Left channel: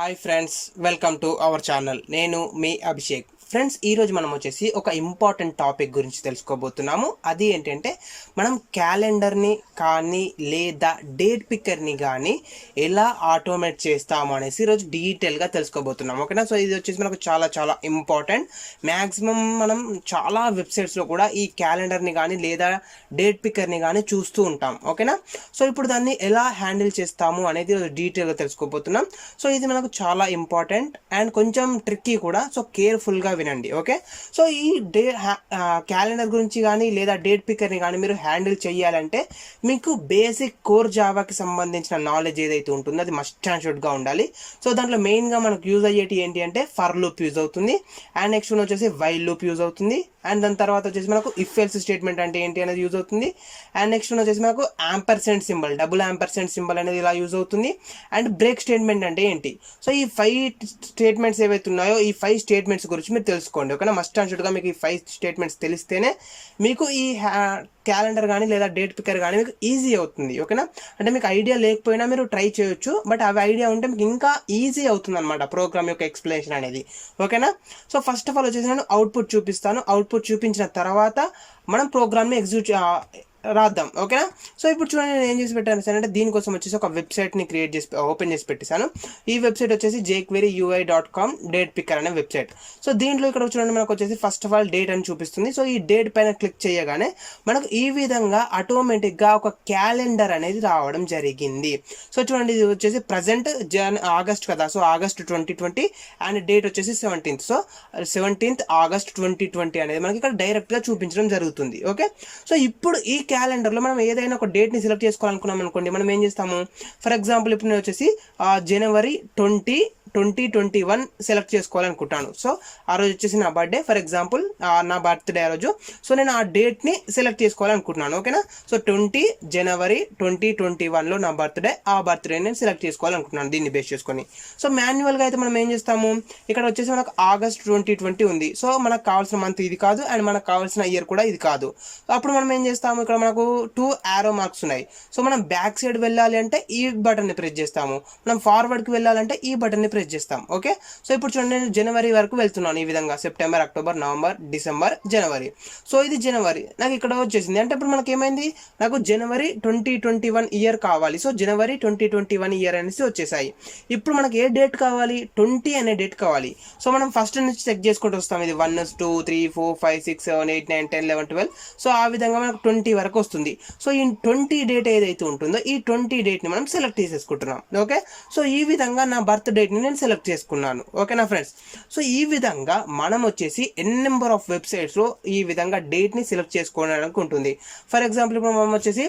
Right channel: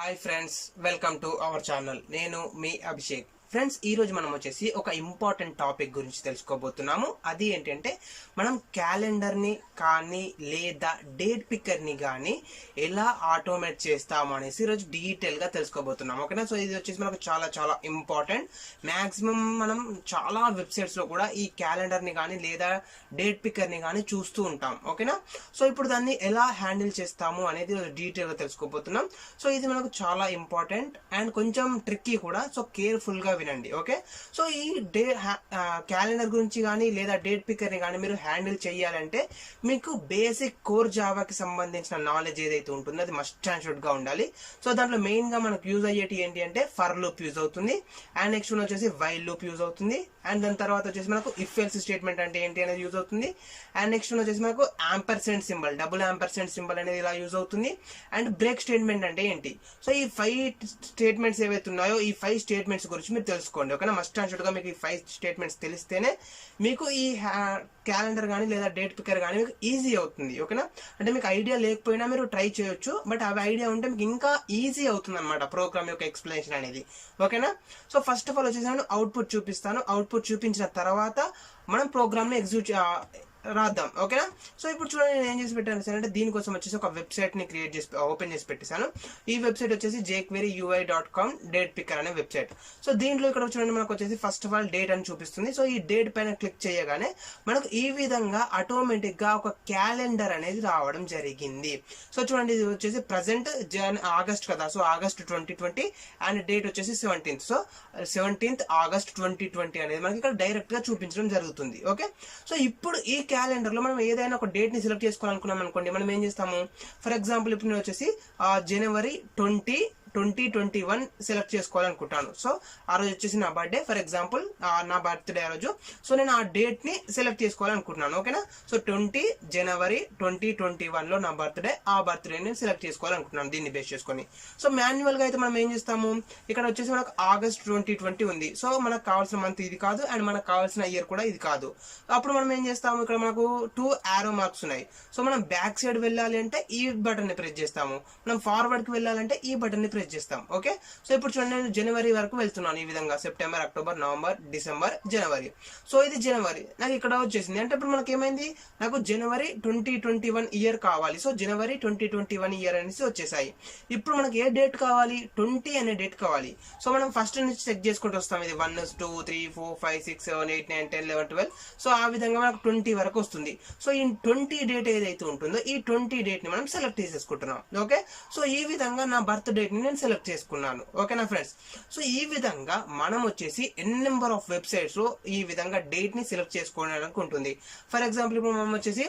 Hi friends, welcome to our channel. నేను మీ Abhishek. Friends, ఈరోజు మనం వచ్చేసి ఒక ఇంపార్టెంట్ టాపిక్ గురించి తెలుసుకోబోతున్నాము. అది ఏంటంటే మనం క్యాలెండర్ని కానీ లేదా డేట్ పిక్కర్ని కానీ ఎలా ఆటోమేట్ చేస్తాము అనేసి ఈరోజు డీటెయిల్గా తెలుసుకోబోతున్నాం. ఓకేనా? సో ఇది వచ్చేసి మనకు చాలా చాలా ఇంపార్టెంట్. మ్యాక్సిమం మనం చాలా వెబ్సైట్స్లో కూడా ఈ క్యాలెండర్ని కానీ లేదా డేట్ పిక్కర్ని కానీ చూస్తూ ఉంటాం. ఓకేనా? సో ఇప్పుడు దాన్ని ఎలా హ్యాండిల్ చేస్తాము అనేది డీటెయిల్గా తెలుసుకోబోతున్నాం. సో ఇది మనకు చాలా ఇంపార్టెంట్ అండ్ కొంచెం ట్రిక్కీ కూడా. సో కేర్ఫుల్గా వినండి. ఓకే? సో ఈ క్యాలెండర్ గురించి కానీ లేదా డేట్ పిక్కర్ని కానీ మీరు హ్యాండిల్ చేయాలంటే మీకు బేసిక్ కోర్ జావాకి సంబంధించిన నాలెడ్జ్ ఏదైతే ఉంటుందో అది మస్ట్ అండ్ షుడ్గా ఉండాలి. సో దాంట్లో మెయిన్గా మనకు యూజ్ అయ్యేటి ఏంటి అంటే ఫర్ లూప్ యూజ్ అవుతుంది, అండ్ నెక్స్ట్ వచ్చేసి వైల్ లూప్ యూజ్ అవుతుంది, అండ్ దాని తర్వాత వచ్చేసి మనకు ఇఫ్ ఎల్స్ స్టేట్మెంట్ అంటే ఏంటి అనేది యూజ్ అవుతుంది, అండ్ నెక్స్ట్ వచ్చేసి మనకు ampersand symbol, double ampersand symbol అనేది ఇలా యూజ్ అవుతుంది, అండ్ బ్రేక్ స్టేట్మెంట్ అంటే ఏంటి. సో ఈ 5 స్టేట్మెంట్స్ ఏవైతే ఉన్నాయో ఈ 5 స్టేట్మెంట్స్ గురించి మీరు తెలుసుకోండి. ఓకేనా? మస్ట్ అండ్ షుడ్గా మీకు ఈ 5 స్టేట్మెంట్స్ తెలిస్తేనే మీకు ఈ క్యాలెండర్ కానీ లేదా డేట్ పిక్కర్ కానీ మీకు ఈజీ అవుతుంది. ఓకేనా? అంటే మీకు ఐడియా లేకపోయినా మీరు ట్రై చేయొచ్చు, బట్ అవి ఐడియా ఉంటే మీకు ఇంకా ఈజీ అవుతుంది అనమాట ప్రోగ్రామ్ యొక్క ఎక్స్ప్లెనేషన్ అనేది. ఓకేనా? సో ఫస్ట్ ఆఫ్ ఆల్ వచ్చేసి నేను అవుట్పుట్ చూపిస్తాను. అవుట్పుట్ చూపించిన తర్వాత మనం ప్రోగ్రామ్ని ఎగ్జిక్యూట్ రాద్దాం. ఓకేనా? సో ఇప్పుడు చూడండి, నేను ఏం చేసి పెట్టాను సార్ అంటే దీనికోసం వచ్చేసి ఒక వెబ్సైట్ని ఓపెన్ చేసి పెట్టేశాను. ఈ వెబ్సైట్ వచ్చేసి jqueryui.com డేట్ పిక్కర్ అనే వెబ్సైట్. సో దీంట్లో ఇక్కడ చూడండి మనకు వచ్చేసి ఫస్ట్ ఆఫ్ ఆల్ డేట్ అని చూపిస్తుంది. సో ఈ డేట్ పైన క్లిక్ చేయగానే మనకు ఈ విధంగా ఆటోమేటిక్గా ఒక క్యాలెండర్ అనేది రావడం జరిగింది. సో చూడండి, ఇది వచ్చేసి ప్రజెంట్ ఆగస్ట్ కదా. సో ఆగస్ట్ 2020 అండ్ డేట్ వచ్చేసి 17th. సో 17th August 2020 అనేది మనకి ఇక్కడ డైరెక్ట్గా చూపించడం జరుగుతుంది. ఓకే? సో ఇప్పుడు ఈ క్యాలెండర్లో మనం ఏదైనా ఒక డేట్ని సెలెక్ట్ చేసుకోవాలనుకున్నాం అనుకోండి, మనం ఏం చేస్తాము? ఫర్ ఎగ్జాంపుల్ ఇప్పుడు నేను వచ్చేసి January 2021 సెలెక్ట్ చేసుకోవాలనుకుంటాను. సో ఆ రోజు వచ్చేసి నా బర్త్డే, ఫర్ ఎగ్జాంపుల్ నా బర్త్డే ఆ రోజు. సో నేను ఆ డేట్ని సెలెక్ట్ చేసుకోవాలనుకుంటున్నాను. ఓకేనా? సో 20 January 2021లో నా బర్త్డే, ఆ బర్త్డే నేను సెలెక్ట్ చేసుకోవాలనుకుంటున్నాను దీన్ని బేస్ చేసుకొని. సో మాన్యువల్గా అయితే మనం ఏం చేస్తాము, ఇక్కడ వచ్చేసి మనకు August 2020 ఉంది. సో మనకు కావాల్సిన మంత్ ఇది కాదు, అండ్ మనకు కావాల్సిన ఇయర్ కూడా ఇది కాదు. అప్పుడు మనం ఏం చేస్తాము, ఇక్కడ మనకు 2 arrow మార్క్స్ ఉన్నాయి. సో మనం బ్యాక్ సైడ్ వెళ్ళాలి అంటే ఈ బటన్ని ప్రెస్ చేస్తాము, మనం ఫార్వర్డ్కి వెళ్ళాలంటే ఈ బటన్ని ప్రెస్ చేస్తాం. ఓకే? సో ఇప్పుడు చూడండి, నేను జనవరి వరకు వెళ్తున్నాను. ఈ విధంగా సెప్టెంబర్, అక్టోబర్, నవంబర్, డిసెంబర్, జనవరి. సో ఇది జనవరి నాకు ఇక్కడ వచ్చేసింది. అంటే ఇప్పుడు మనకి ఏమైంది, నాకు January 2021 ఇయర్ కావాలి. సో January 2021 ఇయర్ అనేసి వచ్చేసాయి. ఇప్పుడు మనకి ఏ డేట్ కావాలి? 20 అనే డేట్ కావాలి. సో మనం ఫస్ట్ నుంచి చెక్ చేసుకుంటూ వస్తాం. ఇది 1 2 3 4 5 6 7 8 9 10 11 12. సో ఆ విధంగా మనకు 20 వరకు వస్తుంది. సో ఈ 20 డేట్ ఏదైతే ఉంటుందో ఈ 20 డేట్ని మనం సెలెక్ట్ చేసేసుకుంటున్నాం. ఓకే? సో ఈ విధంగా నా బర్త్ డేట్ని నేను సెలెక్ట్ చేసుకున్నాను. ఓకేనా ఫ్రెండ్స్? సో ఈ విధంగా మనం వచ్చేసి నెంబర్ ఆఫ్ వెబ్సైట్స్లో ఈ విధంగా డేట్ని సెలెక్ట్ చేసుకోవడానికి ఉంటుంది. ఫర్ ఎగ్జాంపుల్ ఇప్పుడు మనం వచ్చేసి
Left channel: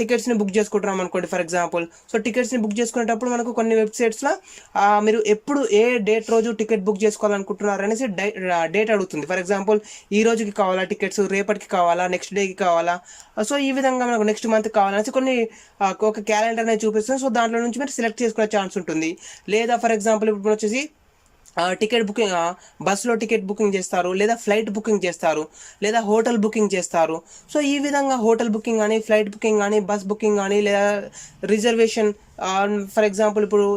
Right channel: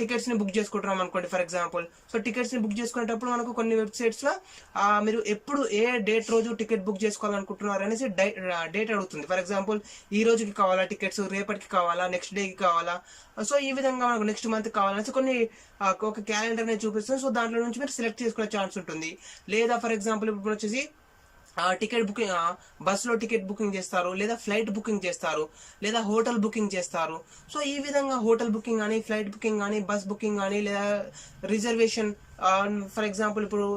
టికెట్స్ని బుక్ చేసుకుంటున్నాం అనుకోండి ఫర్ ఎగ్జాంపుల్. సో టికెట్స్ని బుక్ చేసుకునేటప్పుడు మనకు కొన్ని వెబ్సైట్స్లో మీరు ఎప్పుడు ఏ డేట్ రోజు టికెట్ బుక్ చేసుకోవాలనుకుంటున్నారు అనేసి డేట్ అడుగుతుంది. ఫర్ ఎగ్జాంపుల్ ఈ రోజుకి కావాలా టికెట్స్, రేపటికి కావాలా, నెక్స్ట్ డేకి కావాలా. సో ఈ విధంగా మనకు నెక్స్ట్ మంత్ కావాలనేసి కొన్ని ఒక క్యాలెండర్ అనేది చూపిస్తుంది. సో దాంట్లో నుంచి మీరు సెలెక్ట్ చేసుకునే ఛాన్స్ ఉంటుంది. లేదా ఫర్ ఎగ్జాంపుల్ ఇప్పుడు వచ్చేసి టికెట్ బుకింగ్, బస్సులో టికెట్ బుకింగ్ చేస్తారు, లేదా ఫ్లైట్ బుకింగ్ చేస్తారు, లేదా హోటల్ బుకింగ్ చేస్తారు. సో ఈ విధంగా హోటల్ బుకింగ్ కానీ, ఫ్లైట్ బుకింగ్ కానీ, బస్ బుకింగ్ కానీ, లేదా రిజర్వేషన్, ఫర్ ఎగ్జాంపుల్ ఇప్పుడు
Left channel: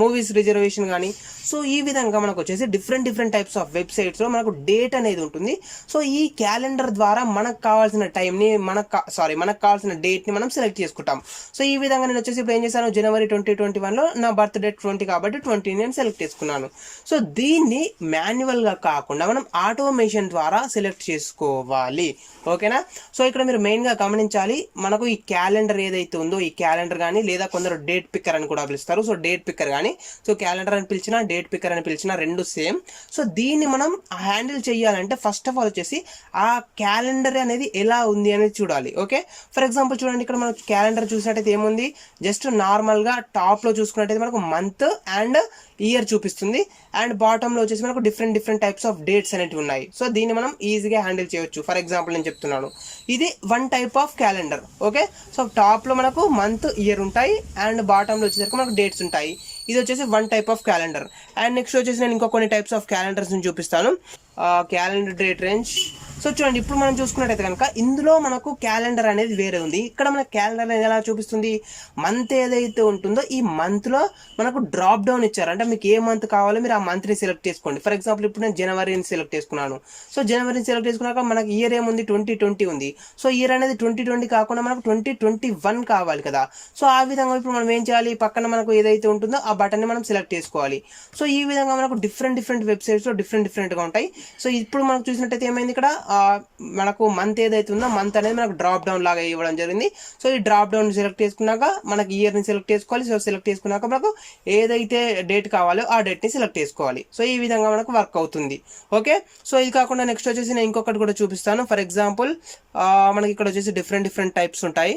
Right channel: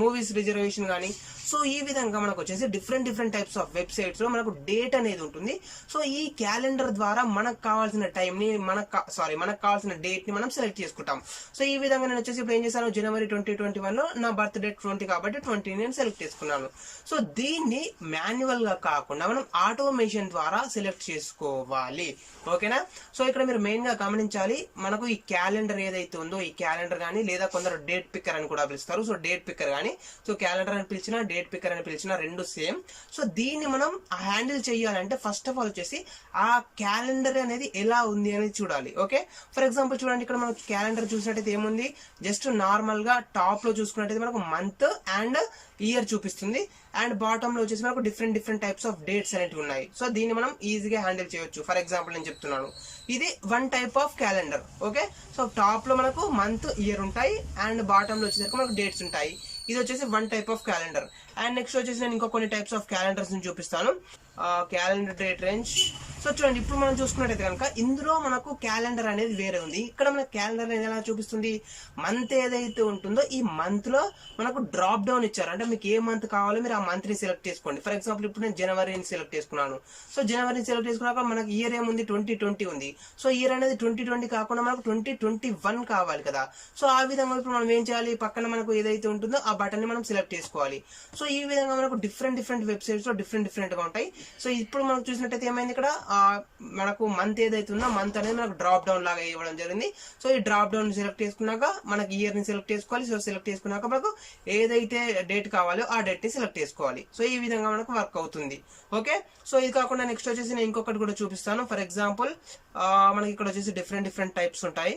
మూవీస్ రిజర్వేషన్ కానీ. సో ఈ విధంగా మనకు వచ్చేసి డిఫరెంట్ టైప్స్ ఆఫ్ వెబ్సైట్స్లో మనకు డేట్ అనేది ఉంటుంది. సో ఈ క్యాలెండర్ ద్వారా మనకు కావాల్సిన టైంని మనకు కావాల్సిన డేట్ని మనం సెలెక్ట్ చేసుకుంటాం. సో ఈ విధంగా నేను వచ్చేసి ఇప్పుడు ఏం చేశాను, January 2021లో నా బర్త్ డేట్ 20 కాబట్టి 20 నేను సెలెక్ట్ చేసుకున్నాను. సో దీన్ని మాన్యువల్గా కాకుండా మనం ఆటోమేషన్ ద్వారా సెలెక్ట్ చేసుకోవాలి. ఓకేనా? సో ఇక్కడ మీరు మెయిన్గా గమనించాలి, మనకు ఈ క్యాలెండర్ ఏదైతే ఉందో ఈ క్యాలెండర్ కానీ, లేదా కొందరు డేట్ పిక్కర్ అని కూడా పిలుస్తారు. సో డేట్ పిక్కర్ కానీ, సో క్యాలెండర్ అని పిలిచిన డేట్ పిక్కర్ అని పిలిచిన రెండు సేమ్. సో దీన్ని మనం హ్యాండిల్ చేయాలంటే ఫస్ట్ ఆఫ్ ఆల్ వచ్చేసి ఆ క్యాలెండర్ అనేది ఎలా ఉంది అనేది చూడాలి. ఓకే? ఫర్ ఎగ్జాంపుల్ చూడండి, ఇక్కడ మనం క్యాలెండర్ చూసినట్టయితే ఏముంది, జస్ట్ నార్మల్గా టాప్లో చూసుకున్నట్టయితే మనకు మంత్ అండ్ ఇయర్ చూపిస్తుంది, అండ్ బాటంలో వచ్చేసి మనకు డిఫరెంట్ టైప్స్ ఆఫ్ డేట్స్ అనేవి ఉన్నాయి. సో దీన్ని మనం ఈజీగా హ్యాండిల్ చేయొచ్చు. ఫర్ ఎగ్జాంపుల్ నేను చెప్తున్నాను, ఇది 1 type of calendar. Okay? So టాప్లో మనకు మంత్, ఇయర్ ఉంటాయి, అండ్ బాటంలో వచ్చేసరికి మనకు డేట్స్ ఉంటాయి. ఇది వచ్చేసి 1 type of calendar. And next వచ్చేసి నేను ఇంకా కొన్ని టైప్స్ ఆఫ్ క్యాలెండర్స్ని చూపిస్తాను. Calendar date range. సో చూడండి, ఇప్పుడు మనం చూసుకున్నట్టయితే కనుక ఇందులో మనకు క్యాలెండర్ అనేది వేరే ఉంది. ఇక్కడ మన క్యాలెండర్ అనేది ఎలా చూపిస్తుంది, మంత్ ఏదైతే ఉంటుందో ఈ మంత్లో మనకు డ్రాప్ డౌన్ ఇచ్చారు. అంటే మీకు ఏ మంత్ కావాలో మీరు ఆ మంత్ని సెలెక్ట్ చేసుకోండి. ఫర్ ఎగ్జాంపుల్ ఇప్పుడు నేను జనవరిని సెలెక్ట్ చేసుకున్నాను. సో జనవరిని సెలెక్ట్ చేసుకున్నాక మనకు ఇయర్ ఏముంది, 2020 ఉంది. సో ఇయర్ అనేది 2020 కాకుండా మనకు 2021 కావాలి కదా. సో ఆ విధంగా ఇప్పుడు మనం ఏం చేయాలి, పక్కన మనకు ఏదైతే ఉంటుందో ఆ బటన్ని మనం సెలెక్ట్ చేసుకోవాలి. సో ఈ విధంగా మనకు డిఫరెంట్ వెబ్సైట్స్లో డిఫరెంట్గా ఉంటాయి. సో ఇప్పుడు మనం చూసినట్టయితే ఏమైంది, ఇక్కడ మనకు మంత్ ఏదైతే ఉందో మంత్ అనేది మనకు డ్రాప్ డౌన్ లాగా ఇవ్వడం జరిగింది. సో ఈ డ్రాప్ డౌన్ సెలెక్ట్ చేసుకున్నాక మనకి ఇయర్ని సెలెక్ట్ చేసుకోవాలి. సో సెలెక్ట్ చేసుకున్నాక మనకు ఏదైతే డేట్ కావాలో ఆ డేట్ని సెలెక్ట్ చేసుకోవాలి. సో ఈ విధంగా మనకు వర్క్ అవుతుంది. ఓకే, సో ఇది కాకుండా నెక్స్ట్ వచ్చేసి నేను ఇంకొకటి కూడా చూపిస్తాను. ఫర్ ఎగ్జాంపుల్ మనకి ఇక్కడ వచ్చేసి డిఫరెంట్ టైప్స్ ఉంటాయి.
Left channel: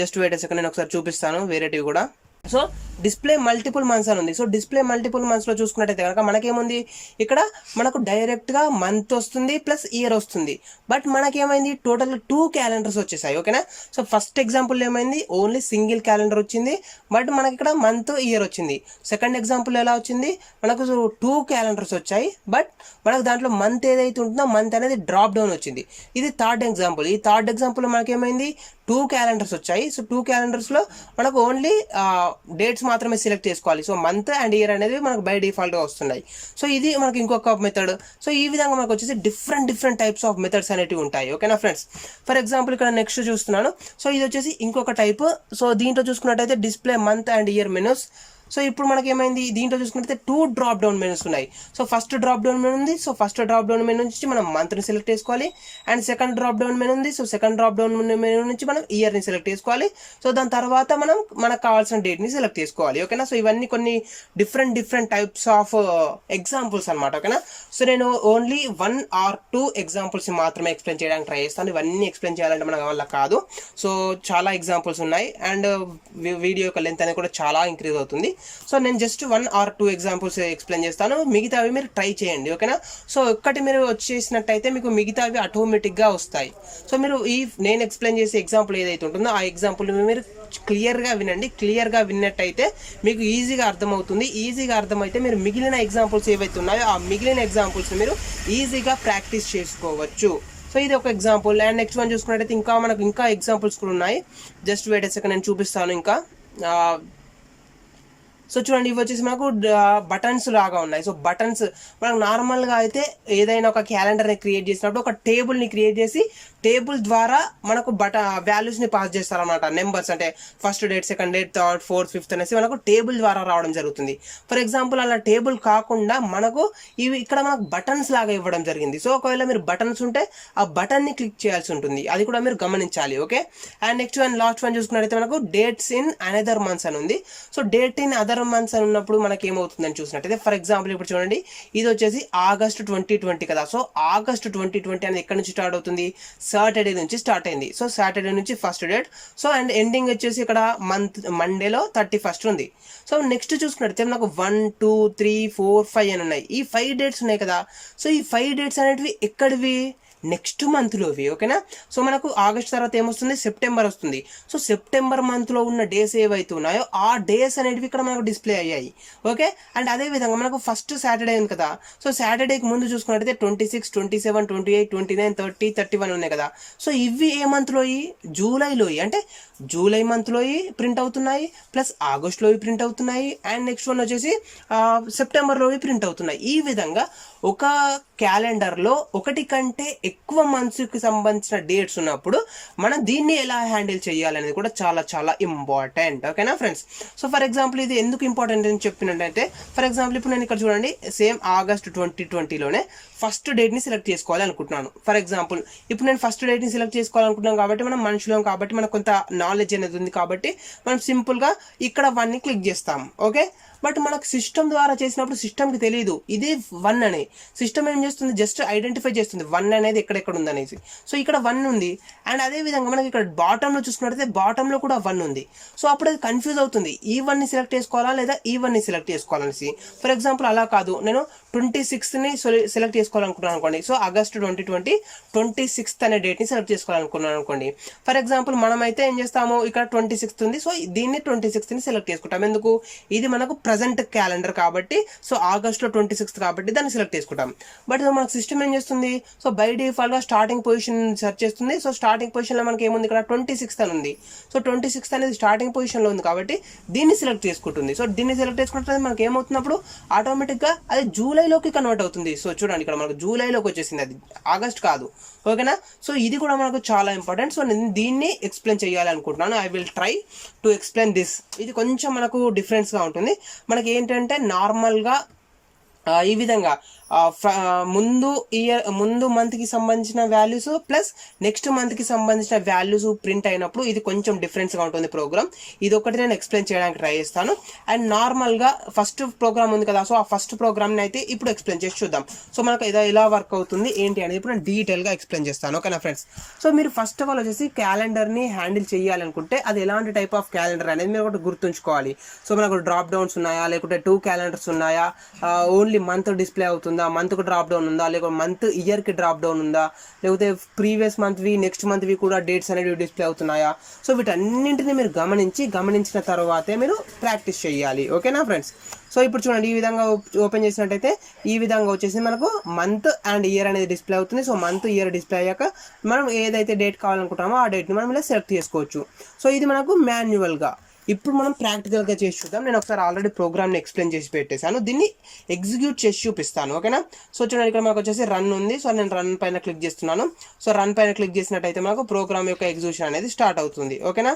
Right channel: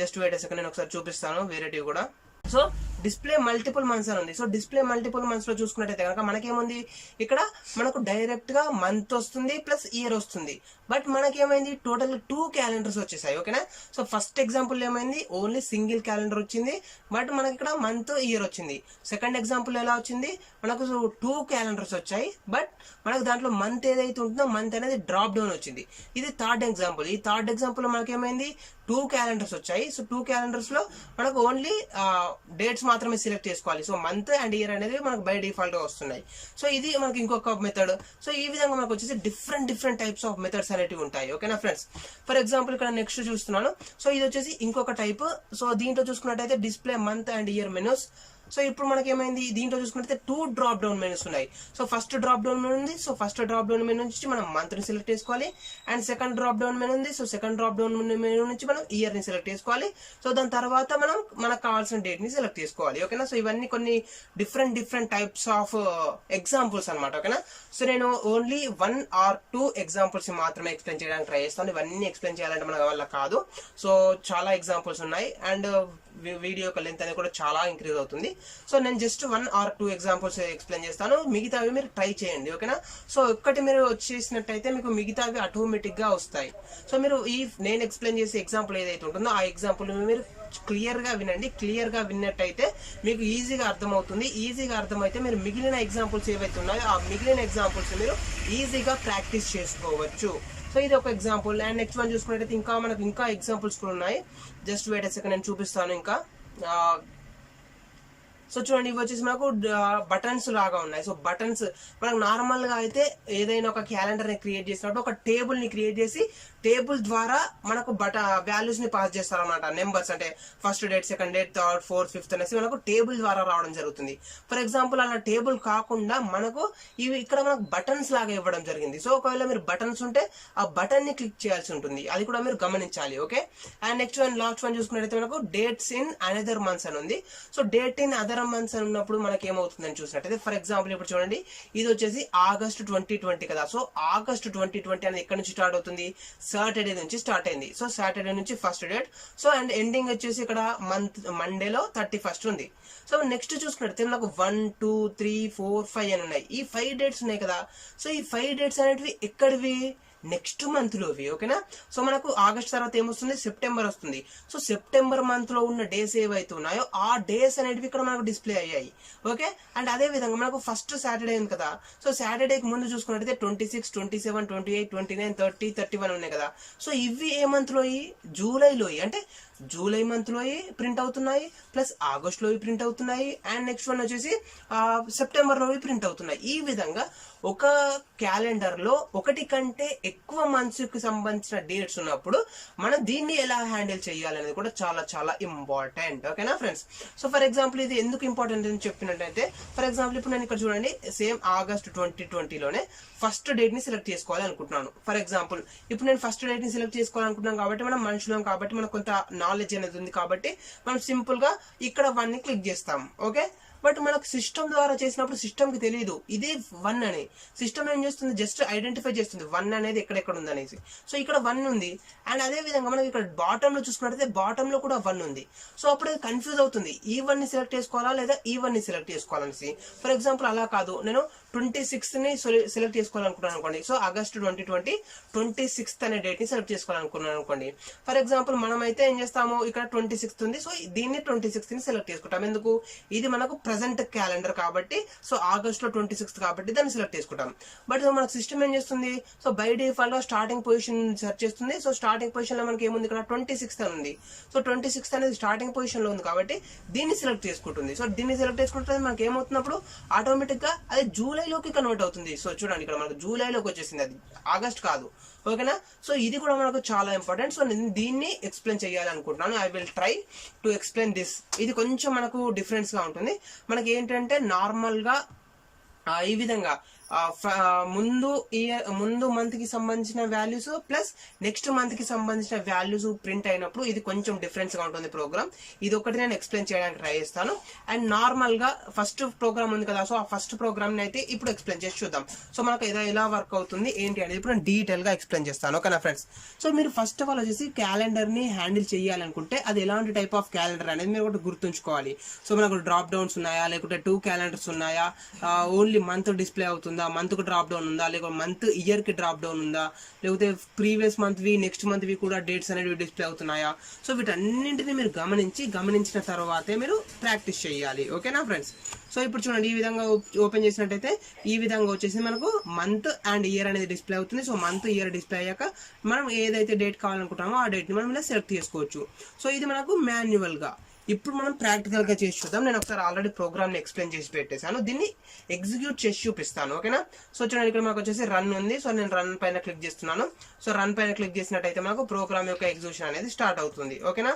జస్ట్ వెయిట్ సెకండ్, నేను ఒకసారి చూపిస్తాను వేరేటివి కూడా. సో డిస్ప్లే మల్టిపుల్ మంత్స్ అని ఉంది. సో డిస్ప్లే మల్టిపుల్ మంత్స్లో చూసుకున్నట్టయితే కనుక మనకేముంది, ఇక్కడ మనకు డైరెక్ట్గా మంత్ వస్తుంది ప్లస్ ఇయర్ వస్తుంది. బట్ మనకేమైంది, టోటల్ 2 క్యాలెండర్స్ వచ్చేసాయి. ఓకేనా. సో ఫస్ట్ ఎగ్జాంపుల్ ఏమైంది, ఓన్లీ సింగిల్ క్యాలెండర్ వచ్చింది, బట్ మనకి ఇక్కడ మంత్ ఇయర్ వచ్చింది. సెకండ్ ఎగ్జాంపుల్ ఎలా వచ్చింది, మనకు 2 క్యాలెండర్స్ వచ్చాయి, బట్ మనకు దాంట్లో మంత్ ఏదైతే ఉంటుందో మంత్ అనేది డ్రాప్ డౌన్ వచ్చింది. ఇది థర్డ్ ఎగ్జాంపుల్. ఈ థర్డ్ ఎగ్జాంపుల్ మనకేమైంది, 2 క్యాలెండర్స్ వచ్చాయి. సో 2 క్యాలెండర్స్లో మనకు ఓన్లీ డేట్స్ మాత్రమే సెలెక్ట్ చేసుకోవాలి. సో మంత్ అండ్ ఇయర్ అనేది మనకు బై డిఫాల్ట్గా వస్తున్నాయి. సో ఇది మనకి ఇంకొక మెథడ్. సో ఈ విధంగా మనకు వచ్చేసి డిఫరెంట్ టైప్స్ ఆఫ్ మెథడ్స్ అనేవి ఉంటాయి. ఓకేనా ఫ్రెండ్స్. ఫర్ ఎగ్జాంపుల్ ఇక్కడ నెక్స్ట్ చూస్తున్నాను. సో ఇది వచ్చేసి ఇంకొక టైప్. సో దీంట్లో చూసుకున్నట్టయితే display month and year menus. So ఇప్పుడు మనకి ఏమైంది, దీంట్లో చూసుకుంటే 2 డ్రాప్ డౌన్ మెనూస్ ఉన్నాయి. So first drop down menu ఉంది. So first drop down menu నుంచి మనం మంత్ని సెలెక్ట్ చేసుకోవాలి. And second drop down menu ఉంది. So second drop down menu నుంచి మనం ఇయర్ని సెలెక్ట్ చేసుకోవాలి. సో దాని తర్వాత మనకు కావాల్సిన డేట్ని సెలెక్ట్ చేసుకోవాలి. ఓకేనా. సో ఇవన్నీ కొన్ని డిఫరెంట్ టైప్స్ ఆఫ్ ఎగ్జాంపుల్స్ అనమాట. ఓకేనా. సో నేను ఓన్లీ 1 or 2 ఎగ్జాంపుల్స్ మాత్రమే ఎక్స్ప్లెయిన్ చేయడానికి ట్రై చేస్తాను. ఇవన్నీ ఎక్స్ప్లెయిన్ చేయాలంటే మన వల్ల కాదు. సో చాలా ఎగ్జాంపుల్స్ ఉన్నాయి అండ్ వీడియో యొక్క లెంత్ అనేది కూడా చాలా ఇంక్రీజ్ అవుతుంది. సో నేను జస్ట్ 1 or 2 ఎగ్జాంపుల్స్ ఎక్స్ప్లెయిన్ చేస్తాను. మిగతావి మీరు ట్రై చేయండి. ఓకేనా. సో ఒక్కటి మీరు వచ్చేసినట్టయితే మీకు మిగతావి ఆటోమేటిక్గా వస్తాయి. సో మీరు నేను ఎక్స్ప్లెయిన్ చేసే ఎగ్జాంపుల్ ఏదైతే ఉంటుందో ఆ ఎగ్జాంపుల్ మీరు క్లియర్గా వినండి. క్లియర్గా విన్నట్టయితే మీకు ఈజీగా అర్థమవుతుంది. ఈజీగా అర్థమైతే మీరు మిగిలిన ఎగ్జాంపుల్స్ ఏవైతే ఉన్నాయో ఆ మిగిలిన ఎగ్జాంపుల్స్ మీరు ఈజీగా ప్రాక్టీస్ చేసుకోవచ్చు. సో ఇది ఒక ఎగ్జాంపుల్. అండ్ నెక్స్ట్ వన్ చూసుకున్నట్టయితే మనకు ఇంకా ఎగ్జాంపుల్స్ కూడా ఉన్నాయి. జస్ట్ వెయిట్ సెకండ్, నేను చూపిస్తాను ఇంకా. సో చూడండి, ఇవి వచ్చేసి మనకు బటన్స్ లాగా ఉన్నాయి. సో బటన్స్ మనకు నార్మల్గా అయితే ఏదైనా ఒక క్యాలెండర్ని క్రియేట్ చేసినప్పుడు ఒక టేబుల్ని క్రియేట్ చేసి టేబుల్ ద్వారా మనకు వాల్యూస్ని పాస్ చేస్తారన్నమాట. నెంబర్స్ అంటే first date, second date, third, fourth, fifth అనేసి మనకు టేబుల్ ద్వారా రావడం జరుగుతుంది. ఫర్ ఎగ్జాంపుల్ అలా టేబుల్ కాకుండా మనకు ఇక్కడ మనకు బటన్స్ లాగా ఇవ్వడం జరిగింది. సో ఒకవేళ మీరు బటన్స్ ఉంటే ఆ బటన్ని క్లిక్ చేయాల్సి ఉంటుంది. అది కూడా మీరు గమనించాలి. Okay. And next one, last one చూసుకున్నట్టయితే మనకు డేట్స్ ఇన్ అనదర్ మంత్స్ అని ఉంది. So date in other months అని ఉన్నప్పుడు మనకి ఏమవుతుందని చూసినట్టయితే ఫర్ ఎగ్జాంపుల్ ఇప్పుడు చూడండి, ఇది వచ్చేసి ఆగస్ట్ 2020 కదా. సో ఆగస్ట్ 2020 అనేది ఎక్కడి నుంచి స్టార్ట్ అవుతుంది, సాటర్డే నుంచి స్టార్ట్ అయింది. సో సాటర్డే నుంచి first date. So and ending వచ్చేసి ఇక్కడ మండేలో 31st ఉంది. సో నెక్స్ట్ చూసుకున్నట్టయితే నాకు 1, 2, 3, 4, 5 అని ఉన్నాయి. ఈ 5 డేట్స్ ఉన్నాయి కదా. సో ఈ 5 డేట్స్ అనేటివి ఎక్కడివి, నెక్స్ట్ మంత్లోవి. ఓకేనా. సో మనకు ఆగస్ట్ తర్వాత ఏమొస్తుంది, సెప్టెంబర్ వస్తుంది. సో సెప్టెంబర్ మంత్లో ఉన్న డేస్ ఏవైతే ఉన్నాయో ఆ డేస్ అనేటివి ఇక్కడ మనకు డిస్ప్లే అయ్యాయి. ఓకే. అండ్ అదేవిధంగా మనకు ఫస్ట్ సాటర్డే ఉంది కదా. సో సాటర్డేకి ముందు చూసుకున్నట్టయితే 26, 27, 28, 29, 30, 31 ఉన్నాయి కదా. సో ఇవి ఏ మంత్లోయి, జూలైలోయి. అంటే జూలై మంత్లోయి ప్రింట్ అవుతున్నాయి, ప్లస్ ఆగస్ట్లోవి ప్రింట్ అవుతున్నాయి, అండ్ నెక్స్ట్ వన్ వచ్చేసి సెప్టెంబర్లోవి ప్రింట్ అవుతున్నాయి. ఈ విధంగా ఒక క్యాలెండర్లో ఒకటి కంటే ఎక్కువ మంత్స్కి సంబంధించిన డేట్స్ ఉన్నప్పుడు మనం దీన్ని ఎలా హ్యాండిల్ చేయాలనేది కూడా చాలా ఇంపార్టెంట్. ఓకేనా ఫ్రెండ్స్. సో ఫర్ ఎగ్జాంపుల్ ఇది ఎందుకు ఇంపార్టెంట్ అని చెప్పినట్టయితే ఫర్ ఎగ్జాంపుల్ ఇప్పుడు నేను ఇక్కడ చూడండి, సేమ్ ఆగస్ట్ 2020లోనే ఫస్ట్ డేట్ని సెలెక్ట్ చేసుకోవాలి అనుకుంటున్నాను. ఫర్ ఎగ్జాంపుల్ ఇప్పుడు నేను ఫస్ట్ డేట్ని సెలెక్ట్ చేసుకోవాలనుకుంటున్నాను కాబట్టి మనం మనుషులం కాబట్టి మనకు కొంత నాలెడ్జ్ అనేది ఉంది కాబట్టి మనం సింపుల్గా ఇక్కడ 1ని క్లిక్ చేస్తాం. ఓకే. బట్ మనకు సిస్టమ్ ద్వారా చేసినప్పుడు సిస్టమ్కి తెలియదు ఇది 1 అని. సిస్టమ్ ఏం చేస్తుంది, జస్ట్ ఐడెంటిఫై చేస్తుంది 1 అనేది ఎక్కడెక్కడ ఉంది అనేసి. సో ఇక్కడ 1 ఉంది. అండ్ అదేవిధంగా మనకి ఇక్కడ బాటంలో చూసుకున్నట్టయితే బాటంలో కూడా 1 ఉంది. సో అప్పుడు అది కన్ఫ్యూజ్ అవుతుంది, ఈ 1ని సెలెక్ట్ చేసుకోవాలా లేదా ఈ 1ని సెలెక్ట్ చేసుకోవాలనేసి. ఫర్ ఎగ్జాంపుల్ అలా కాదు, నేను 26ని సెలెక్ట్ చేసుకోవాలనుకున్నాను అనుకోండి. సో ఆగస్ట్ 2020 26th అనే డేట్ని సెలెక్ట్ చేసుకోవాలనుకున్నాను అనుకోండి. ఫర్ ఎగ్జాంపుల్ మనమైతే ఏం చేస్తాము, ఇక్కడ 26th ఉంది. సో దీన్ని 26ని సెలెక్ట్ చేసుకుంటాం. ఎందుకు, ఇది మనకు ప్రజెంట్ క్యాలెండర్ కాబట్టి సో ఆగస్ట్లో 26th కాబట్టి దాన్ని సెలెక్ట్ చేసుకుంటాం. బట్ మనకు సిస్టమ్ ఏం చేస్తుంది, సో బై డిఫాల్ట్గా స్టార్టింగ్ పొజిషన్ సెర్చ్ చేస్తుంది. సో స్టార్టింగ్ పొజిషన్లో మనకి ఏముంది, ఇక్కడ 26th అని ఉంది. సో 26th అనేది స్టార్టింగ్ పొజిషన్లో ఉంది కాబట్టి దీన్ని సెలెక్ట్ చేసుకుంటుంది. సో దీన్ని సెలెక్ట్ చేసుకుంటే మనకి ఏమవుతున్నప్పుడు ఆటోమేటిక్గా అది జూలైలోకి కన్వర్ట్ అవుతుంది. సో చూడండి ఇక్కడ మనకు జూలైలోకి వచ్చేసింది, అది ఆగస్ట్ కాదు. ఓకేనా, సో ఇది కూడా మనకు చాలా ఇంపార్టెంట్. సో నేను దీన్ని ఎక్స్ప్లెయిన్ చేయాలి అనుకుంటున్నాను. I will try to explain this. ఇది కొంచెం మనకు డిఫరెన్స్గా ఉంటుంది. మనకి ఏంటంటే నార్మల్గా ఈ విధంగా ముందు మంత్కి సంబంధించిన వాల్యూస్ ప్లస్ నెక్స్ట్ మంత్కి సంబంధించిన వాల్యూస్ ప్రింట్ అయినప్పుడు ఇది కొంచెం డిఫరెన్స్గా ఉంటుంది ప్రోగ్రామ్. ఇది ఒకటి నేను ఎక్స్ప్లెయిన్ చేయడానికి ట్రై చేస్తాను. అండ్ నార్మల్గా ఫస్ట్ ప్రోగ్రామ్ ఉంది కదా, సో ఆ ఫస్ట్ ప్రోగ్రామ్ని అయితే ఇప్పుడు ఎక్స్ప్లెయిన్ చేసి చూద్దాం. సో మనకు ఏదో ఎలా వర్క్ అవుతుంది ఏంటి అనేది ఇప్పుడు నేను డీటెయిల్గా ఎక్స్ప్లెయిన్ చేస్తాను. ఓకేనా ఫ్రెండ్స్, సో మీరు ఫస్ట్ ఆఫ్ ఆల్ వచ్చేసి క్యాలెండర్ని హ్యాండిల్ చేయాలనుకుంటే అది ఎలాంటి టైప్ ఆఫ్ క్యాలెండర్ అనేది మీరు ఒకటి గుర్తుంచుకోవాలి. సో మనకు డ్రాప్ డౌన్స్ ఉన్నాయా, లేకుంటే 2 క్యాలెండర్స్ ఉన్నాయా, ఓన్లీ మంత్ డిస్ప్లే అవుతుందా, మంత్కు డ్రాప్ డౌన్ ఉందా, లేకపోతే మంత్ ఇయర్కి డ్రాప్ డౌన్ ఉందా, లేకపోతే ప్రీవియస్ మంత్వి నెక్స్ట్ మంత్వి కూడా డేట్స్ అనేవి డిస్ప్లే అవుతున్నాయా. సో వీటన్నింటినీ మీరు గమనించిన తర్వాతే మీరు ప్రాక్టీస్ చేయాలి. ఓకేనా ఫ్రెండ్స్, సో ఇప్పుడు చూడండి ఈ విధంగా ఓపెన్ చేసినట్టయితే ఈ విధంగా వచ్చేసి మనకు మంత్ అండ్ ఇయర్ అనేది డిస్ప్లే అవుతుంది. సో మంత్ ఇయర్ డిస్ప్లే అయ్యాక మనం ఏదైతే డేట్ కావాలనుకుంటామో ఆ డేట్ని మనం ఇలా సెలెక్ట్ చేసుకోవచ్చు. సో ఇది మనకు మాన్యువల్గా. ఇప్పుడు మనం ప్రాక్టికల్గా చేసి చూద్దాం. నేను ఒకసారి ఆల్రెడీ ప్రోగ్రామ్ని ఎక్స్ప్లెయిన్ చేసి పెట్టేశాను, దీన్ని ఎగ్జిక్యూట్ చేసి చూపిస్తాను. ఓకేనా, సో చూడండి ఇక్కడ మనకు వచ్చేసి రన్ ఉంది. సో నేను రన్ పైన క్లిక్ చేస్తున్నాను. సో రన్ పైన క్లిక్ చేసినట్టయితే మనకు ప్రోగ్రామ్ యొక్క ఎగ్జిక్యూషన్ అనేది స్టార్ట్ అవుతుంది. ఓకేనా,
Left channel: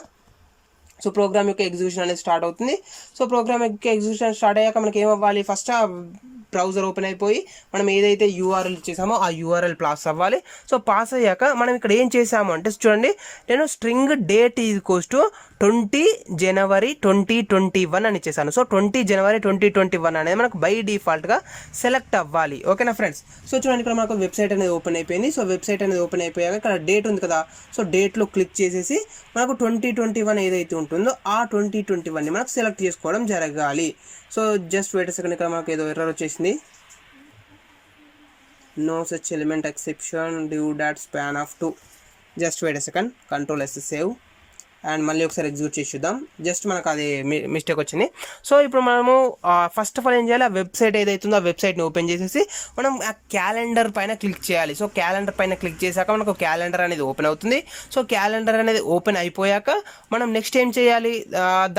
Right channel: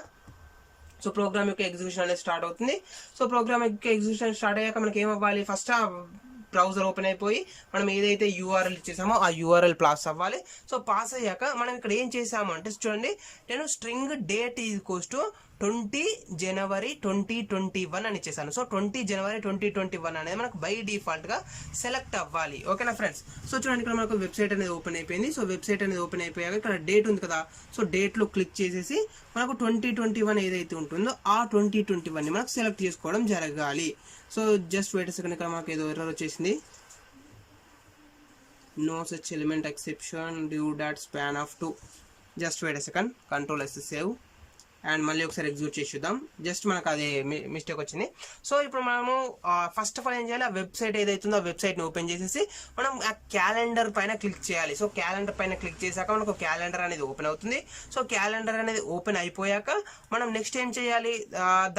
సో ప్రోగ్రామ్ యొక్క ఎగ్జిక్యూషన్ అనేది స్టార్ట్ అవుతుంది. సో ప్రోగ్రామ్ యొక్క ఎగ్జిక్యూషన్ స్టార్ట్ అయ్యాక మనకి ఏమవ్వాలి, ఫస్ట్ బ్రౌజర్ ఓపెన్ అయిపోయి మనం ఏదైతే యూఆర్ఎల్ ఇచ్చేసామో ఆ యూఆర్ఎల్ పాస్ అవ్వాలి. సో పాస్ అయ్యాక మనం ఇక్కడ ఏం చేసాము అంటే చూడండి, నేను స్ట్రింగ్ డేట్ ఈక్వల్స్ టు 20 జనవరి 2021 అని ఇచ్చేసాను. సో 20 జనవరి 2021 అనేది మనకు బై డిఫాల్ట్గా సెలెక్ట్ అవ్వాలి. ఓకేనా ఫ్రెండ్స్, సో చూడండి ఇక్కడ మనకు వెబ్సైట్ అనేది ఓపెన్ అయిపోయింది. సో వెబ్సైట్ అనేది ఓపెన్ అయిపోయాక ఇక్కడ డేట్ ఉంది కదా, సో డేట్లో క్లిక్ చేసేసి మనకు 2021 ఏదైతే ఉంటుందో ఆ 2021ని మనకు సెలెక్ట్ చేసుకోవడం జరగాలి. సో జస్ట్ వెయిట్ సెకండ్, ఇక్కడ మనకు ఏదో ఎర్రర్ వచ్చేసింది. No such element exception due dot span of 2. Just wait second, control S save and మళ్ళీ ఒకసారి ఎగ్జిక్యూట్ చేసి చూద్దాం. జస్ట్ మనకు అది మిస్టేక్ వచ్చింది. సో ఇప్పుడు మనము ఫస్ట్ ఆఫ్ ఆల్ ఏం చేయాలి, ఆ వెబ్సైట్ ఏదైతుందో ఆ వెబ్సైట్ని ఓపెన్ చేసేసి మనం ఆ క్యాలెండర్ పైన క్లిక్ చేయాలి. సో క్యాలెండర్ పైన క్లిక్ చేశాక మనకు క్యాలెండర్ అనేది ఓపెన్ అవుతుంది. సో క్యాలెండర్ అనేది ఓపెన్ అయిపోయాక మనం నెక్స్ట్ ఏం చేయాలి,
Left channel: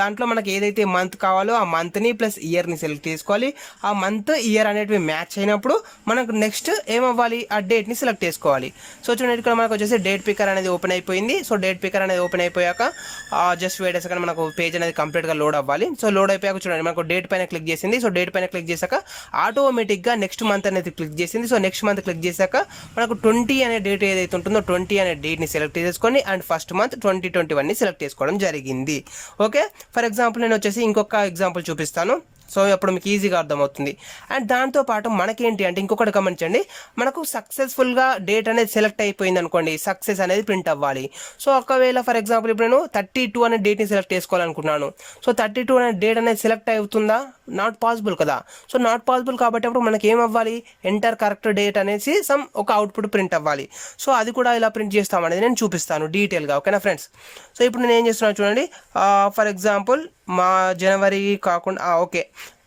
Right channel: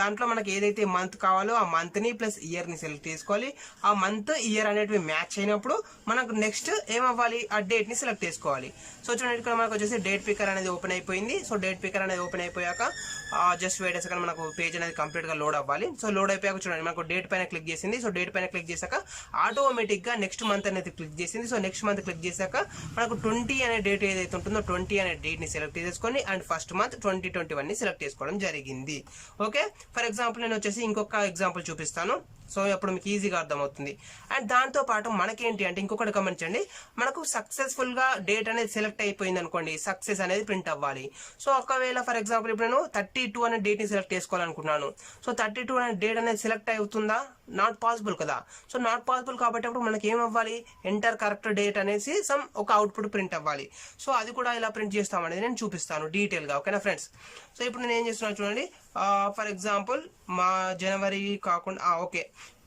దాంట్లో మనకి ఏదైతే మంత్ కావాలో ఆ మంత్ని ప్లస్ ఇయర్ని సెలెక్ట్ చేసుకోవాలి. ఆ మంత్ ఇయర్ అనేటివి మ్యాచ్ అయినప్పుడు మనకు నెక్స్ట్ ఏమవ్వాలి, ఆ డేట్ని సెలెక్ట్ చేసుకోవాలి. సో చూడండి ఇక్కడ మనకు వచ్చేసి డేట్ పికర్ అనేది ఓపెన్ అయిపోయింది. సో డేట్ పికర్ అనేది ఓపెన్ అయిపోయాక జస్ట్ వెయిట్ సెకండ్, మనకు పేజ్ అనేది కంప్లీట్గా లోడ్ అవ్వాలి. సో లోడ్ అయిపోయాక చూడండి మనకు డేట్ పైన క్లిక్ చేసింది. సో డేట్ పైన క్లిక్ చేశాక ఆటోమేటిక్గా నెక్స్ట్ మంత్ అనేది క్లిక్ చేసింది. సో నెక్స్ట్ మంత్ క్లిక్ చేశాక మనకు 20 అనే డేట్ ఏదైతే ఉంటుందో 20 అనే డేట్ని సెలెక్ట్ చేసుకొని అండ్ ఫస్ట్ మంత్ 2021ని సెలెక్ట్ చేసుకోవడం జరిగింది. ఓకే, ఫర్ ఎగ్జాంపుల్ నేను వచ్చేసి ఇంకొక ఎగ్జాంపుల్ చూపిస్తాను. సో అప్పుడు మీకు ఈజీగా అర్థమవుతుంది. అండ్ దాంతోపాటు మనకేంటి అంటే ఇంకొకటి గమనించండి, మనకు సక్సెస్ఫుల్గా డేట్ అనేది సెలెక్ట్ అయిపోయింది అనుకోండి, సక్సెస్ అనేది ప్రింట్ అవ్వాలి. సో ఒకవేళ ఫర్ ఎగ్జాంపుల్ ఇప్పుడు నేను 32 అనే డేట్ని సెలెక్ట్ చేసుకోవాలనుకున్నాను. సో 32 అనే డేట్ అనేది సెలెక్ట్ అవుతుందా, నాట్ పాసిబుల్ కదా. సో నాట్ పాసిబుల్ కాబట్టి అప్పుడు మనకి ఏం అవ్వాలి, ఎంటర్ కరెక్ట్ డేట్ అనేసి ఒక అవుట్పుట్ ప్రింట్ అవ్వాలి. సో అది కూడా ఇలా ప్రింట్ చేస్తామనేది నేను చూపిస్తాను డీటెయిల్గా. ఓకేనా ఫ్రెండ్స్, సో ఇప్పుడు నేను ఏం చేస్తున్నాను చూడండి, ఫర్ ఎగ్జాంపుల్ మా జనవరి కాకుండా ఓకే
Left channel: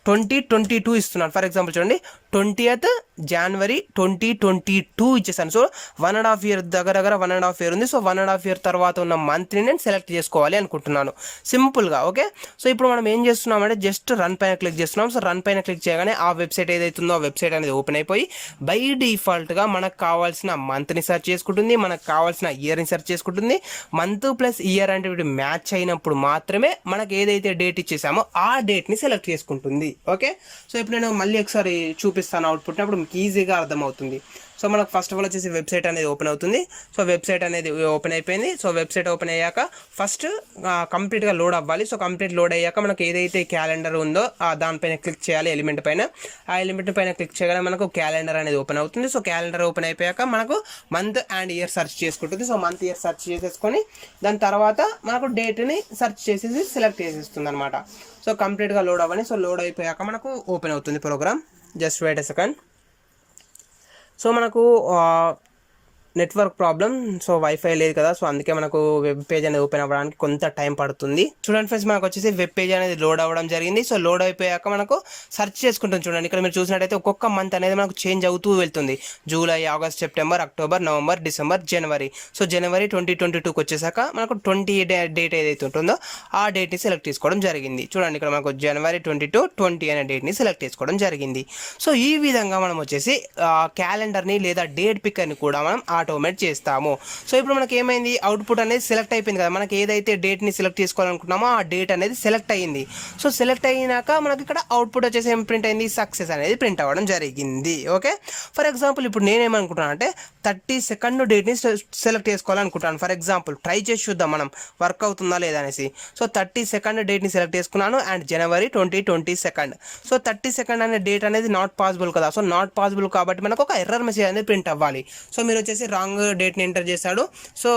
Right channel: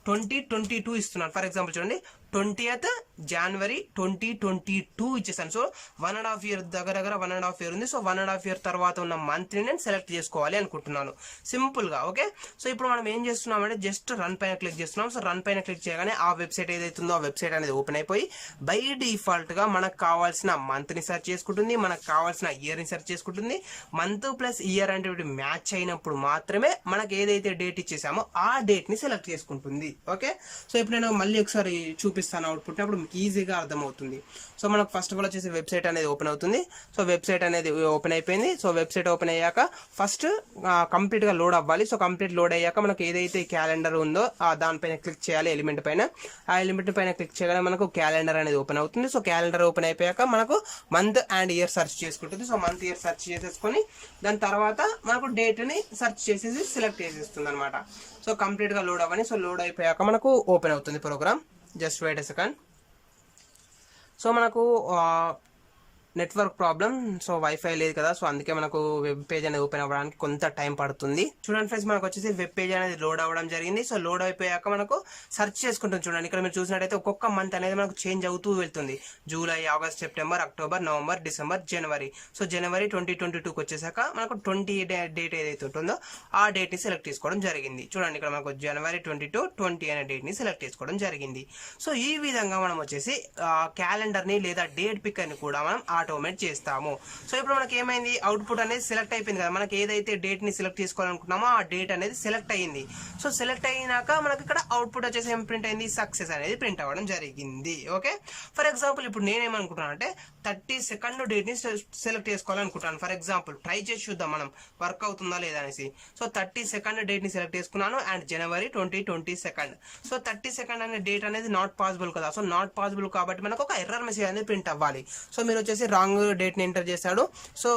2022 ఇస్తున్నాను. ఫర్ ఎగ్జాంపుల్ చూడండి 20th జనవరి 2022 ఇచ్చేసాను. సో 1.5 year దగ్గర 1.5 year ఉంది. సో 1.5 year తర్వాత ఉన్న మంత్ని నేను సెలెక్ట్ చేసుకోవాలి అనుకుంటున్నాను సింపుల్గా. ఓకే, సో ఇప్పుడు మనం ఏం చేస్తున్నామంటే జస్ట్ రన్ పైన క్లిక్ చేస్తున్నాం. సో రన్ పైన క్లిక్ చేయగానే ఆ వెబ్సైట్ ఏదైతుందో ఆ వెబ్సైట్ అనేది ఓపెన్ అయిపోయి బై డిఫాల్ట్గా మనకు కావాల్సిన మంత్ని సెర్చ్ చేసుకుంటుంది, మనకు కావాల్సిన ఇయర్ని సెర్చ్ చేసుకుంటుంది. మంత్ ప్లస్ ఇయర్ అంటే మ్యాచ్ అయినప్పుడు మాత్రమే మనకు ఏదైతే డేట్ ఇచ్చేసామో ఆ డేట్ని సెలెక్ట్ చేసుకుంటుంది. ఓకే, సో ఇప్పుడు నేను మళ్ళీ ఒకసారి చూపిస్తాను అవుట్పుట్, అప్పుడు మీకు ఈజీగా అర్థమవుతుంది. సో మనకు ఫస్ట్ ఆఫ్ ఆల్ వచ్చేసి వెబ్సైట్ అనేది ఓపెన్ అవుతుంది. సో వెబ్సైట్ అనేది ఓపెన్ అయిపోయింది. సో వెబ్సైట్ ఓపెన్ అయ్యాక ఫస్ట్ కంప్లీట్గా లోడ్ అవ్వాలి. సో కంప్లీట్ లోడ్ అయ్యాక మనకు ఏదైతే క్యాలెండర్ ఉందో దానిపైన క్లిక్ చేయాలి, ఎలిమెంట్ పైన. ఆ ఎలిమెంట్ పైన క్లిక్ చేయగానే మనకు క్యాలెండర్ అనేది ఓపెన్ అవుతుంది. సో క్యాలెండర్ ఓపెన్ అయిపోయాక మనకు మంత్ అండ్ ఇయర్ సెర్చ్ చేసుకుంటుంది. సో మంత్ ఇయర్ సెర్చ్ చేసేసుకొని దాని తర్వాత మనకు డేట్ని సెర్చ్ చేసేసి సెలెక్ట్ చేసేస్తుంది అనమాట. సో కంప్లీట్గా లోడ్ అవ్వని. సో లోడ్ అయిపోయాక మనకు ఓపెన్ అవుతుంది program. Just wait a second. So మనకు నెట్వర్క్ ప్రాబ్లం. సో వైఫై లేదు కదా, సో అందుకే మనకు వెబ్ పేజ్ అనేది ఓపెన్ అవ్వడానికి కొంత టైం పడుతుంది. చూడండి ఫ్రెండ్స్, మనకు వచ్చేసి వెబ్ పేజ్ అనేది లోడ్ అవ్వడం జరిగింది. సో లోడ్ అయిపోయాక మనకు సెర్చ్ చేసుకుంటాం. చూడండి ఇక్కడ మీరు చూసినట్టయితే ఒక్కొక్క మంత్ అనేది మనకు చేంజ్ అవుతూ వెళ్తుంది. July, August, September, October, November, December, జనవరి. సో జనవరి 2022కి వచ్చేసాక మనకు 20 డేట్ ఏదైతే ఉంటుందో ఆ డేట్ని సెలెక్ట్ చేసుకోవడం జరిగింది. చూడండి ఇక్కడ మనకు జనవరి 20 అనే డేట్ని సెలెక్ట్ చేసుకోవడం జరిగింది. సో ఈ విధంగా మనం వచ్చేసి క్యాలెండర్ని లేదా డేట్ పిక్కర్ని కూడా మనం ఆటోమేట్ చేస్తాము. సో ఇప్పుడు మనకి ఏమైంది, అవుట్పుట్ అనేది సెలెక్ట్ అయిపోయింది కదా. మనకి ఏదైతే డేట్ని సెలెక్ట్ చేసుకోవాలనుకున్నామో ఆ డేట్ అనేది సెలెక్ట్ అయ్యింది. సో సెలెక్ట్ అయినాక మనకి ఇక్కడ అవుట్పుట్ వచ్చేసి ఏం ప్రింట్ అయింది, సక్సెస్ అనేది ప్రింట్ అవ్వడం జరిగింది. ఓకే, ఫర్ ఎగ్జాంపుల్ ఇప్పుడు నేనేమనుకుంటున్నాను అంటే 32nd డేట్ని సెలెక్ట్ చేసుకోవాలనుకుంటాను. ఫర్ ఎగ్జాంపుల్ ట్రై చేసి చూద్దాం మనం వర్క్ అవుతుందా లేదా అనేసి. సో 32nd డేట్ని సెలెక్ట్ చేసుకున్నాను అండ్ జనవరి 2022. సో 32nd అనే డేట్ అనేది నాట్ పాసిబుల్ కదా. సో నాట్ పాసిబుల్ కాబట్టి మనకు ఒక ఎర్రర్ మెసేజ్ అనేది ప్రింట్ అవ్వాలి. సో మీరు వచ్చేసి రాంగ్ డేట్ని ఎంటర్ చేశాడు, సో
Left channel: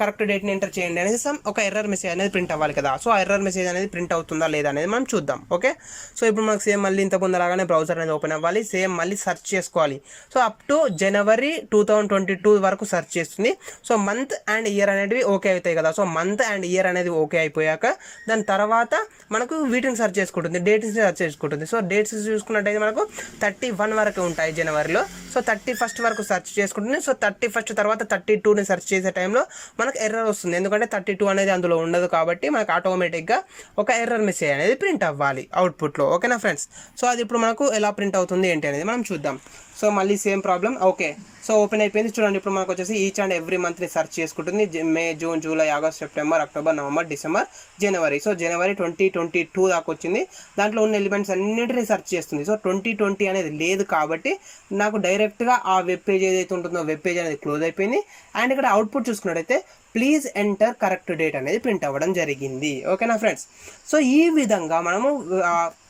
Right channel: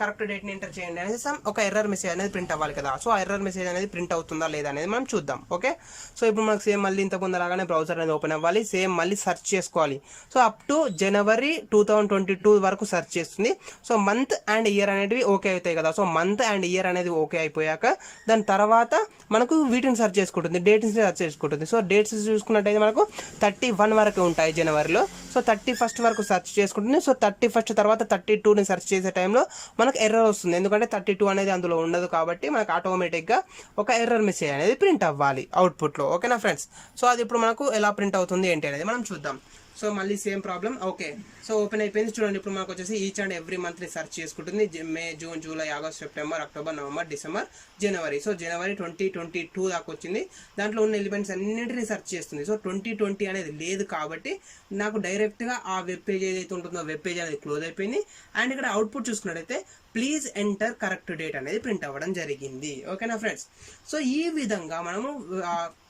కరెక్ట్ డేట్ని ఎంటర్ చేయండి అనేసి ఒక ఎర్రర్ మెసేజ్ అనేది ప్రింట్ అవ్వాలి కదా. సో ఆ ఎర్రర్ మెసేజ్ అనేది ప్రింట్ అవుతుందా లేదా అనేది మనం చూద్దాం. ఓకే, సో ఇప్పుడు మనకు సేమ్ మళ్ళీ ఇంత ముందరగానే బ్రౌజర్ అనేది ఓపెన్ అవ్వాలి. సేమ్ మళ్ళీ సెర్చ్ చేసుకోవాలి. సో అప్ టు జనవరి 2022 వరకు సెర్చ్ చేస్తుంది. సో మంత్ అండ్ ఇయర్ అనేవి ఓకే అవుతాయి కదా. సో మంత్ అండ్ ఇయర్ అనేది ఓకే అయిపోయాక దాని తర్వాత మనకు వీటిని సెర్చ్ చేసుకుంటుంది, డేట్స్ని సెర్చ్ చేసుకుంటుంది. సో డేట్స్ చూసుకున్నట్టయితే మనకు 31 వరకు ఉంటాయి జనవరిలో. సో 31st వరకు సెర్చ్ చేసుకుంటుంది. సో 31st తర్వాత 32ని సెర్చ్ చేసే టైంలో మనకు ఎర్రర్ వస్తుంది, ఎందుకంటే 32 అనేది అందులో ఉండదు కాబట్టి మనకు ఆటోమేటిక్గా ఒక ఎర్రర్ మెసేజ్ అనేది ప్రింట్ అవ్వాలి అవుట్పుట్లో. ఓకేనా ఫ్రెండ్స్, సో అది ఇప్పుడు మనకు ఎలా ప్రింట్ అవుతుంది ఏంటి అనేది మనం చూద్దాం. సో మళ్ళీ same problem. Okay, so open అయిపోయింది. చూడండి ఇప్పుడు మనకు వచ్చేసి ఈచ్ అండ్ ఎవ్రీ మంత్ని సెర్చ్ చేసుకుంటుంది. May, June, July, August, September, October, November, December, జనవరి. సో జనవరి 2022 దాకా వచ్చింది. దాంట్లో ఉన్న ఎలిమెంట్స్ అన్నింటినీ సెర్చ్ చేస్తుంది. సో 2020 అనేది లేదు కాబట్టి నాకు డైరెక్ట్గా ఆ వెబ్ పేజ్ ఏదైతే ఉంటుందో వెబ్ పేజ్ అనేది క్లోజ్ అయిపోయింది. అండ్ ఇక్కడ అవుట్పుట్ చూసుకున్నట్టయితే ప్లీజ్ ఎంటర్ కరెక్ట్ డేట్ అనేది ప్రింట్ అవ్వడం జరిగింది. ఓకేనా ఫ్రెండ్స్, సో ఈ విధంగా మనము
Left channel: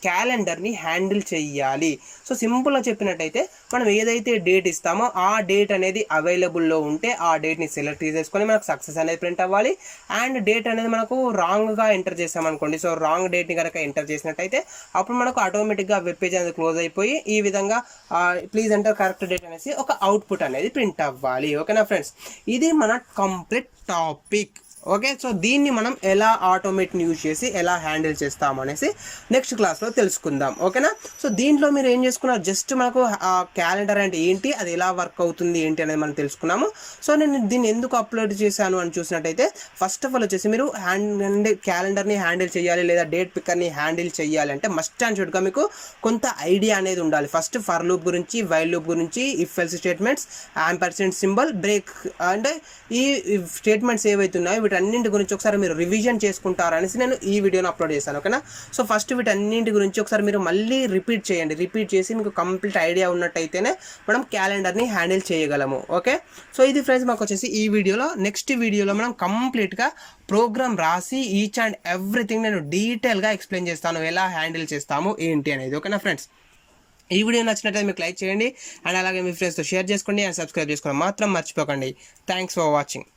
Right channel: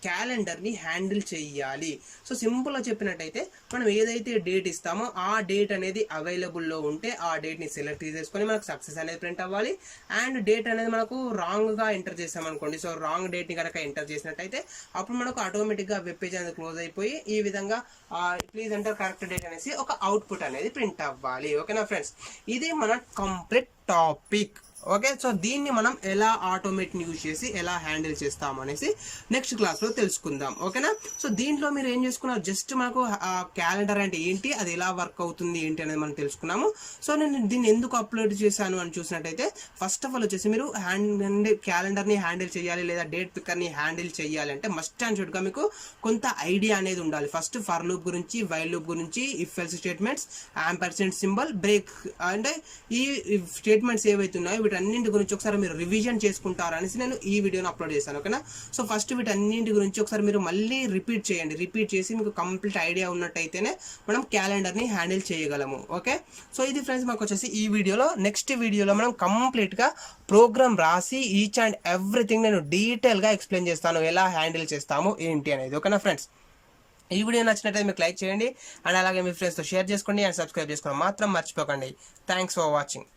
క్యాలెండర్ని హ్యాండిల్ చేయాలి. సో సింపుల్గా చెప్పినట్టయితే మనం ఏదైతే డేట్ ఇస్తామో ఆ డేట్ అనేది అవైలబుల్లో ఉంటే ఆ డేట్ని సెలెక్ట్ చేసుకొని మనకు సక్సెస్ అనేది ప్రింట్ అవ్వాలి. అండ్ డేట్ అనేది మనకు రాంగ్గా ఎంటర్ చేసామనుకోండి, సో రాంగ్ డేట్ని కనుక ఎంటర్ చేసినట్టయితే అప్పుడు మనకు ఆటోమేటిక్గా వెబ్ పేజ్ అనేది క్లోజ్ అయిపోయి ఈ విధంగా ప్లీజ్ ఎంటర్ కరెక్ట్ డేట్ అనేసి ఒక అవుట్పుట్ అనేది ప్రింట్ అవ్వాలి. ఓకేనా ఫ్రెండ్స్, ఇది మన కంప్లీట్ టాపిక్. ఓకే, సో దీన్ని మనం ఎలా ఆటోమేట్ని యూజ్ చేసి ఎలా హ్యాండిల్ చేస్తాము అనేసి నెక్స్ట్ క్లాస్లో తెలుసుకుందాం. ఓకేనా, సో దీంట్లో మీరు ఏం చేసుకున్నారు, జస్ట్ మనకు క్యాలెండర్ అంటే ఏంటి, అది ఎలా వర్క్ అవుతుంది ఏంటి అనేది మనం తెలుసుకున్నాము. సో నేను దీన్ని ఎందుకు అప్లోడ్ చేశాను అని చూసినట్టయితే ఫస్ట్ ఆఫ్ ఆల్ వచ్చేసి మీరు క్యాలెండర్ని హ్యాండిల్ చేయాలి లేదా డేట్ పిక్కర్ని హ్యాండిల్ చేయాలి అంటే మస్ట్ అండ్ షుడ్గా మీకు కొంత ఐడియా అనేది ఉండాలి. ఫస్ట్ ఫర్ లూప్ గురించి, వైల్ లూప్ గురించి, if else statements, ampersand symbol, break, అంటే ఈ స్టేట్మెంట్స్ ఏవైతే ఉన్నాయో వీటన్నింటి గురించి ఒకసారి మీరు రివిజన్ చేసుకుంటారనేసి నేను ఈ వీడియోని అప్లోడ్ చేశాను. ఓకేనా, సో ఫస్ట్ వీటన్నింటి గురించి ఒకసారి మీరు మళ్ళీ రిపీట్ చేయండి. రిపీట్ చేసి మీకు కంప్లీట్ ఐడియా ఉన్నట్టయితేనే మనం క్యాలెండర్ని హ్యాండిల్ చేయగలము. ఓకే, సో ఇది ఫ్రెండ్స్ మాకు వచ్చేసి ఈ వీడియోలో. నెక్స్ట్ వీడియోలో మనం కంప్లీట్గా ప్రోగ్రామ్ రాసి ఈచ్ అండ్ ఎవ్రీథింగ్ నేను డీటెయిల్గా ఎక్స్ప్లెయిన్ చేస్తాను, ఎలా హ్యాండిల్ చేస్తాము ఏంటి అనేది. ఓకేనా ఫ్రెండ్స్, ఈ వీడియో నచ్చినట్లయితే మీకు లైక్ చేయండి అండ్ అలాగే మీ ఫ్రెండ్స్తో షేర్ చేసుకోండి అండ్ సబ్స్క్రైబ్ చేసుకోండి మాత్రం మర్చిపోకండి. Thanks for watching.